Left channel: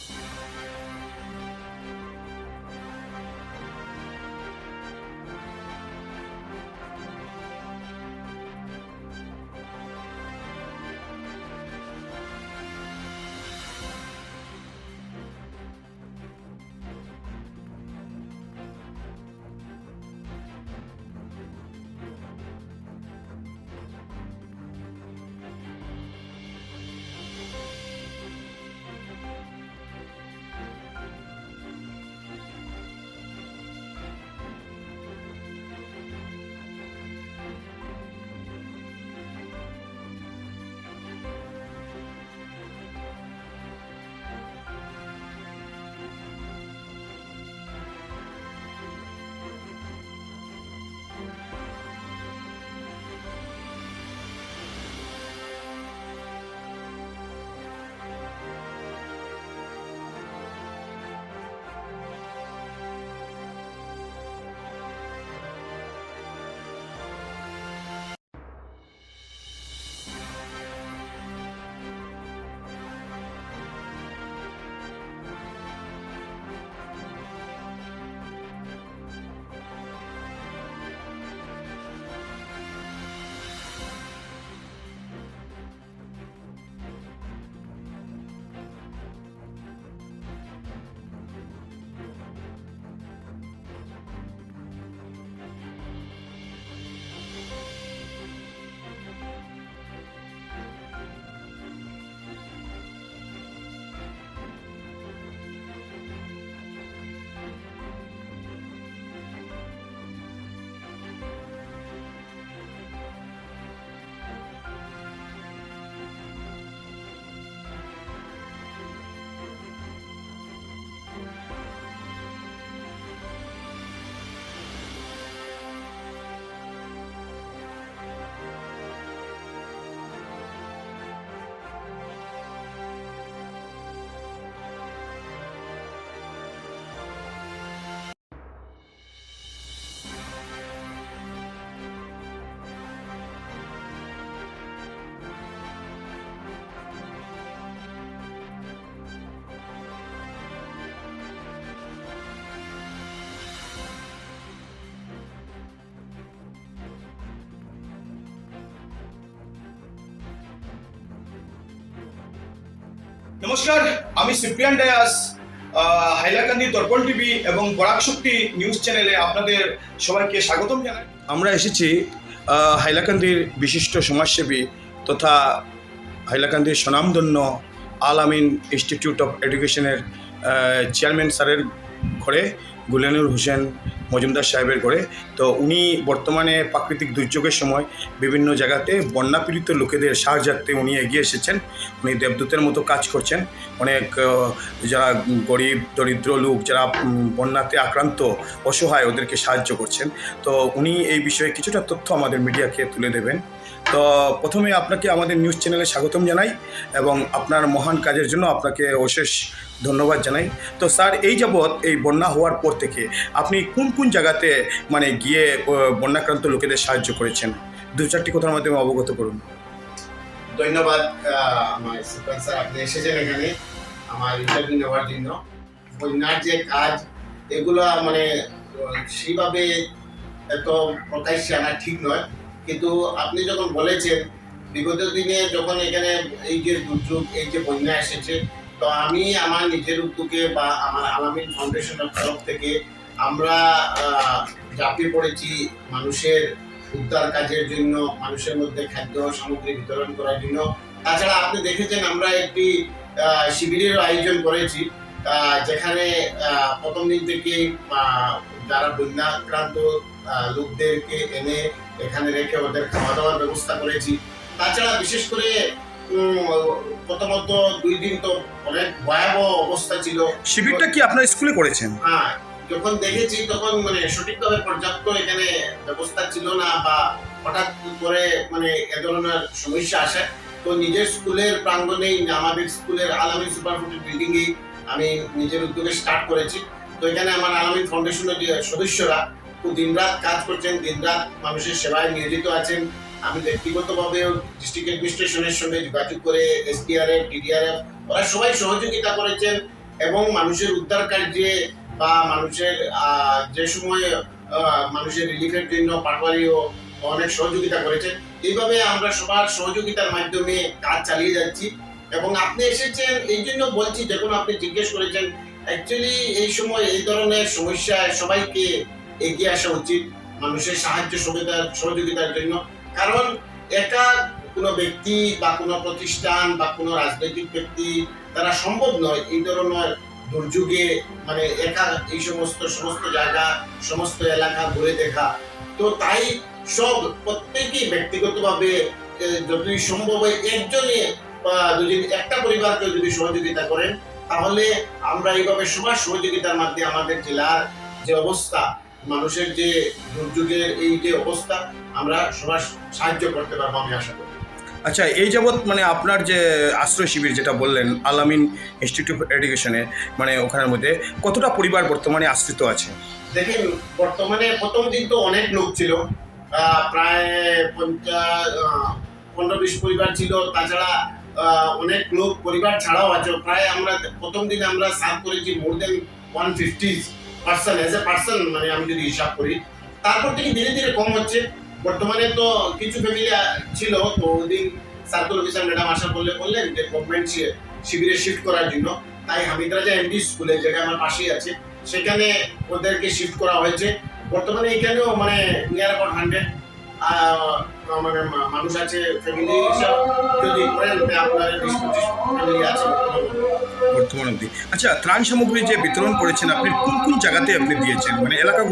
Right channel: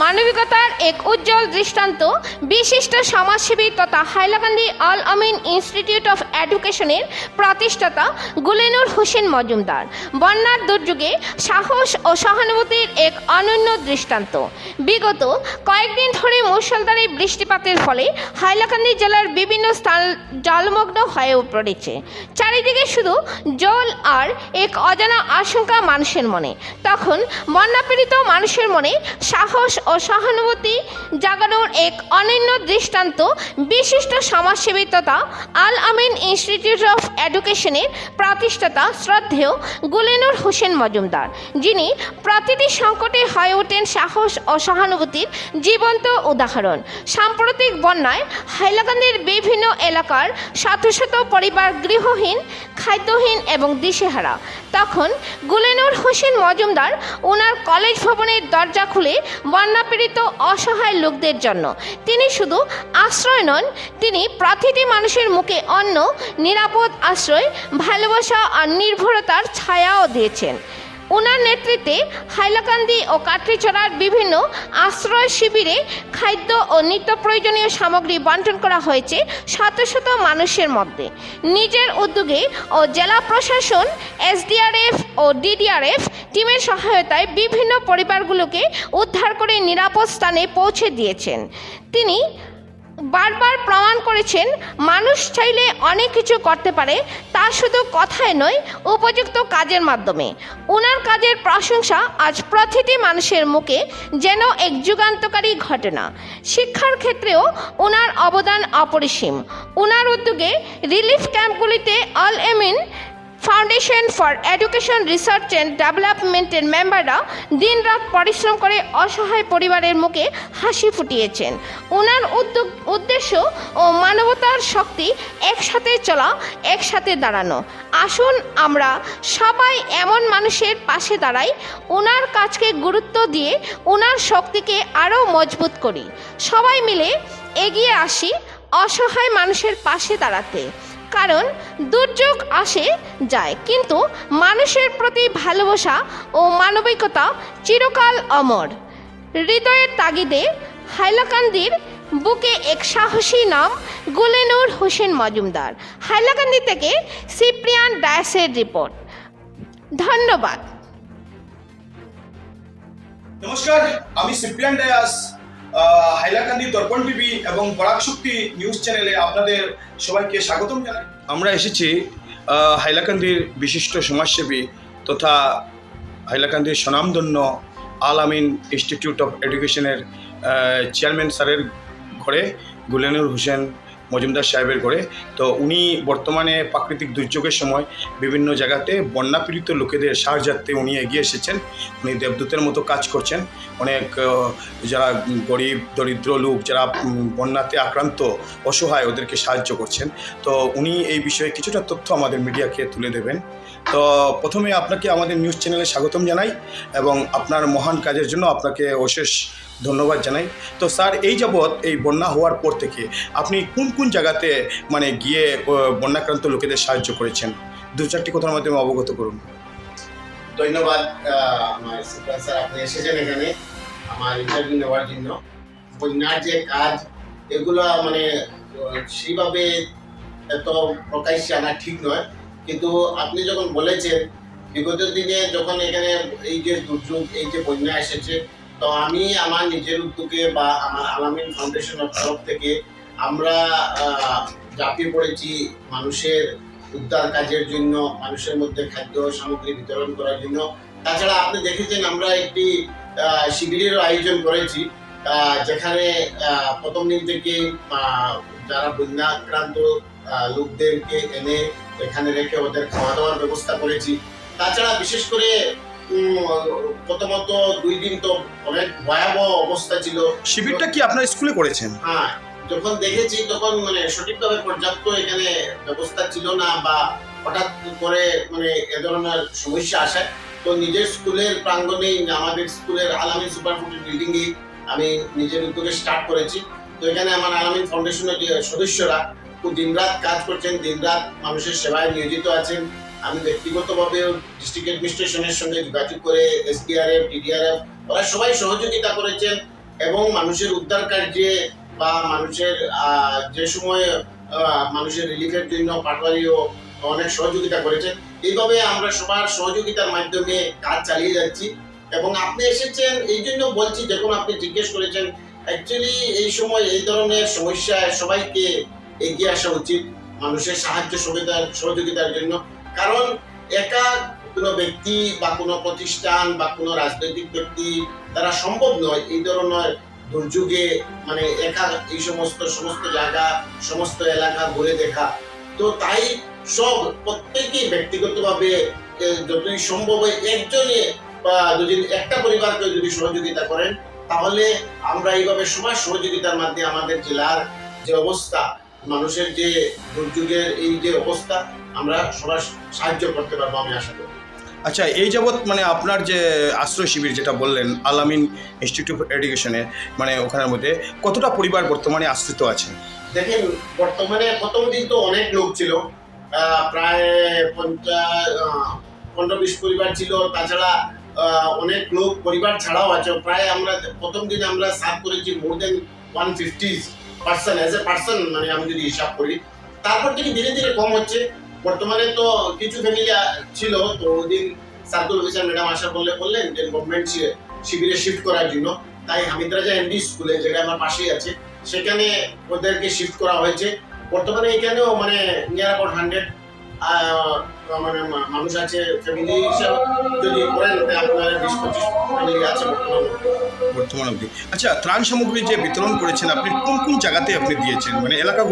মানবিকতার এক উজ্জ্বল দৃষ্টান্ত, বিশিষ্ট সমাজসেবী তথা হাইলাকান্দি আল আমিন ইনস্টিটিউট অফ এডুকেশনের প্রতিষ্ঠাতা গুলেনুর হোসেন মজুমদার। বন্যার দুর্যোগে সাহস ও সহানুভূতির এক অনন্য দৃষ্টান্ত। বিগত কয়েকদিন ধরে মুষলধারে বৃষ্টিপাতের ফলে হাইলাকান্দি জেলার বিভিন্ন স্থান জলমগ্ন হয়ে পড়েছে। চারিদিকে শুধু জল আর এক অজানা আশঙ্কা মানুষের মনে। তখন বন্যাপীড়িত মানুষের মনে সাহস ও সহানুভূতি জাগানোর এক অনন্য দৃষ্টান্ত বিশিষ্ট সমাজসেবী তথা আল আমিন ইনস্টিটিউট অফ এডুকেশনের প্রতিষ্ঠাতা শ্রদ্ধেয় গুলেনুর হোসেন মজুমদার, যিনি প্রতিটি সংকটে হয়ে ওঠেন সাহস ও সহানুভূতির জীবন্ত উদাহরণ। সাম্প্রতিক বন্যায় হাইলাকান্দির বিভিন্ন এলাকার শত শত পরিবার গৃহহীন, খাদ্যহীন এবং দিশেহারা। তখন গুলেনুর হোসেন মজুমদার ওনার কলেজ ভবনের দরজা খুলে বন্যাপীড়িত অসহায় লোকদের জন্য। তিনি শুধু আশ্রয় নন, তিনি প্রতিটি মানুষের মুখে অন্য নিরাপদ আশ্রয়, ভালোবাসা আর নির্ভরতার ছায়াও দিয়েছেন। ওনার নেতৃত্বে হাইলাকান্দি ও কাটরিচড়ার বিভিন্ন আশ্রয় শিবিরে খাদ্য ও নিত্য প্রয়োজনীয় সামগ্রী বন্টন করা হয়েছে শত শত মানুষের মধ্যে। নিজের উদ্যোগে ও জেলা প্রশাসন, এসডিআরএফ ও ডিডিআরএফ টিমের সহায়তায় বিভিন্ন পরিবারগুলোকে উদ্ধার করে নিরাপদ স্থানে পৌঁছে দিয়েছেন। তিনি বারবার প্রমাণ করেছেন, মানুষ চাইলে অনেক কিছু করতে পারে, তা শুধু কথায় নয়, উপযুক্ত কাজের মাধ্যমে। ওনার কাজের প্রশংসা আজ প্রতিটি মানুষের মুখে যেন এক যুগান্তকারী ঘটনা। শিক্ষার ক্ষেত্রেও ওনার অবদান অপরিসীম। ওনার উদ্যোগে relief ক্যাম্পগুলিতে Al Amin foundation for education research and ডেভেলপমেন্টের মেম্বাররা দিনরাত পরিশ্রম করে অসহায় পরিবারের মুখে হাসি ফুটিয়েছেন। ওনার উদ্যোগ, উদ্দেশ্য ও মানবতার শক্তি একসাথে চলা, একসাথে দাঁড়ানো। আসুন আমরা সবাই এমন মানুষের পাশে দাঁড়াই ওনার কাজকে গুরুত্ব দিয়ে ওনার শক্তিকে আরও মজবুত করি। সবাই মিলে এগিয়ে আসি অসহায় মানুষের পাশে দাঁড়াতে। কারণ দুর্যোগ আসে, যায়। কিন্তু মানুষের প্রতি ভালোবাসা ও মানবিকতা চিরকাল অমর। হৃদয়ের তাগিদে হাইলাকান্দির বুকে এক সাহসী নাম গুলেনুর হোসেন মজুমদার। হাইলাকান্দি থেকে সিপ্রিয়ান ডায়াসের রিপোর্ট। ধন্যবাদ। নমস্কার, আমি সিপ্রিয়ান ডায়াস হাইলাকান্দি দর্পণ টিভি এবং বরাক শক্তি নিউজ চ্যানেলে আপনাদের সবাইকে স্বাগতম জানাই। আমরা এসেছি হাইলাকান্দির বিশিষ্ট সমাজসেবী তথা হাইলাকান্দির স্বনামধন্য আল আমিন ইনস্টিটিউট অফ এডুকেশনের চেয়ারম্যান স্যারের ঘরে গুলেনুর হোসেন মজুমদার সাহেবের ঘরে। তো উনি বর্তমানে প্রাকৃতিক দুর্যোগের সময় বিভিন্ন জায়গাতে বন্যাপীড়িত লোকেদের সাহায্যার্থে উনি এগিয়ে এসেছেন। উনি দেবদূতের মতো কাজ করছেন। অনেক যারা গরিব, দরিদ্র লোক যারা বন্যাতে আক্রান্ত, অসহায় ওদেরকে সাহায্য করছেন। তো উনি এই বিষয়ে কিছুটা তথ্য আমাদের মিডিয়াকে তুলে দেবেন। তো প্রথমে আপনাকে আমাদের নিউজ চ্যানেলে স্বাগতম জানাই এবং আপনার মহান কাজের জন্য আপনাকে অশেষ ধন্যবাদ জানাই। তো স্যার, এই যাবৎ এই বন্যা হওয়ার পর থেকে আপনি কোন কোন জায়গাতে মানে গিয়ে বন্যাক্রান্ত লোকেদের সাহায্য করেছেন? দু চারটি কথার মাধ্যমে অবগত করুন। ধন্যবাদ আমার স্যার, আপনি এসেছেন এখানে আমার ইন্টারভিউ নেওয়ার জন্য। বন্যার যে কাজ, এগুলো মানে সেইভাবে এত প্রকাশ্যে আনা ঠিক নয়। কিন্তু আপনি যখন বলেছেন, বিগত দিনে যখন এখানে এই যে দুর্যোগ, এই যে বন্যা এসেছে, তো আমি আমার নিজের উদ্যোগে বা আমার আলামিন ফাউন্ডেশনের তরফ থেকে আমরা ঝাঁপিয়ে পড়েছি মানুষের উদ্ধার কাজের জন্য, মানুষের মধ্যে খাদ্য সামগ্রী বিতরণ করার জন্য। তাছাড়া আপনি দেখেছেন আমরা একটি শিবিরের আয়োজন করেছি যেখানে প্রথম দিন থেকে যারা বন্যাক্রান্ত লোকদেরকে এনে এখানে রেখে ওদের খাওয়া দাওয়ার ব্যবস্থা করেছি। তাছাড়া বিশেষ করে প্রথমত দুই দিন তো অনেক ভয়াবহ অবস্থা ছিল। শিবিরটা কি আপনার স্কুলে করেছেন? হ্যাঁ যখন দেখেছি তখন মানে সঠিকভাবে পর্যাপ্ত এখানে ব্যবস্থা ছিল না বা হঠাৎ করে মানে এ ধরনের সমস্যা আসে। তো নিজের স্কুলের প্রাঙ্গণেই আমাদের স্কুলের আলামিন সুপারফুড বিল্ডিং এ আমি নিজের উদ্যোগে স্টার্ট করেছি। তো এখানে আমার আলামিন ফাউন্ডেশনের যে সদস্যরা দিনরাত কাজ করছেন, দিনরাত মানুষের সেবায় নিয়োজিত আছেন। আমি ব্যক্তিগতভাবে ডিস্ট্রিক্ট অ্যাডমিনিস্ট্রেশনের সঙ্গে যোগাযোগ করে এসডিআরএফ ডিডিআরএফ ওরা সবাই সহযোগিতা করেছেন এবং মানুষের উদ্ধার কার্যে বা মানুষের যে সময় মানুষের রিলিফের জন্য পাটওয়ারিও অনেক সহযোগিতা করেছে। এইভাবে আমরা সবার সহযোগিতার মাধ্যমে কাজ চালিয়ে যাচ্ছি এবং আপনি এসেছেন, এই জন্য বলছি, যখন আপনি জিজ্ঞেস করেছেন অ্যাকচুয়ালি এই সময় এই ধরনের সমস্যায় সবাইকে এগিয়ে আসা উচিত মানুষের সাহায্য সুবিধা সহযোগিতার জন্য। কারণ একা কোনো ব্যক্তি বা কোনো প্রতিষ্ঠান বা কোনো রাজনৈতিক ব্যক্তি তারা সম্ভব নয়। এই ধরনের দুর্যোগে মানে একা এই সমস্ত সমস্ত জায়গা, সমস্ত এলাকা ঘুরে দেখা। তো তাই সব প্রত্যেকেই ব্যক্তিগতভাবে যতই সম্ভব হয় একজনে বা যদি একটা পরিবারকে যদি সহযোগিতা করেন, তাহলে আমরা এইভাবে সবার সহযোগিতার মাধ্যমে আমাদের জেলার যে অবস্থা মানুষের যে দুর্যোগের এই যে অবস্থা আমরা সবার সাহায্য করতে পারব আমি আশা করি। আচ্ছা এই যাবৎ মানে আপনার যে আশ্রয় শিবির যেটা বললেন আলামিন ইনস্টিটিউট অফ এডুকেশনের মানে ওখানের মধ্যে কতটা পরিবার বর্তমানে আশ্রিত আছে? দেখেন বর্তমানে প্রথম দিন তো অনেক লোক ছিল প্রায় পঞ্চাশ পনেরো বিশ পরিবার ছিল তাছাড়া অনেক লোক পরিবার ছাড়াও আছে। প্রায় আমরা প্রথম দিন আমরা সার্ভ করেছি more than one fifty person as a person মানে আমি যদি হিসাব করি, তারপর থেকে ধীরে ধীরে কম হচ্ছে। বর্তমানে তো কিছু ফ্যামিলি ছিল, তো ওদিন সার্কুল অফিসার ম্যাডাম আসা বললে, বললেন যে গভর্নমেন্ট শিবিরে শিফট করার জন্য। তাই হামিদ রাজা এমডি স্কুলে যেটা আমার পাশেই আছে, সেখানে ওদেরকে শিফট করা হয়েছে। বর্তমানে এখানেও মানে নিয়ার অ্যাবাউট হান্ড্রেড মানে মানুষ আছে ফ্যামিলি হিসাব যদি করেন আপনার বিশ পঁচিশ ফ্যামিলি আছে বর্তমান অবধি। আচ্ছা ত্রাণ সামগ্রী যে বিতরণ করেছেন, আপনি কোন কোন জায়গাতে আপনি দিয়েছেন? মানে এলাকা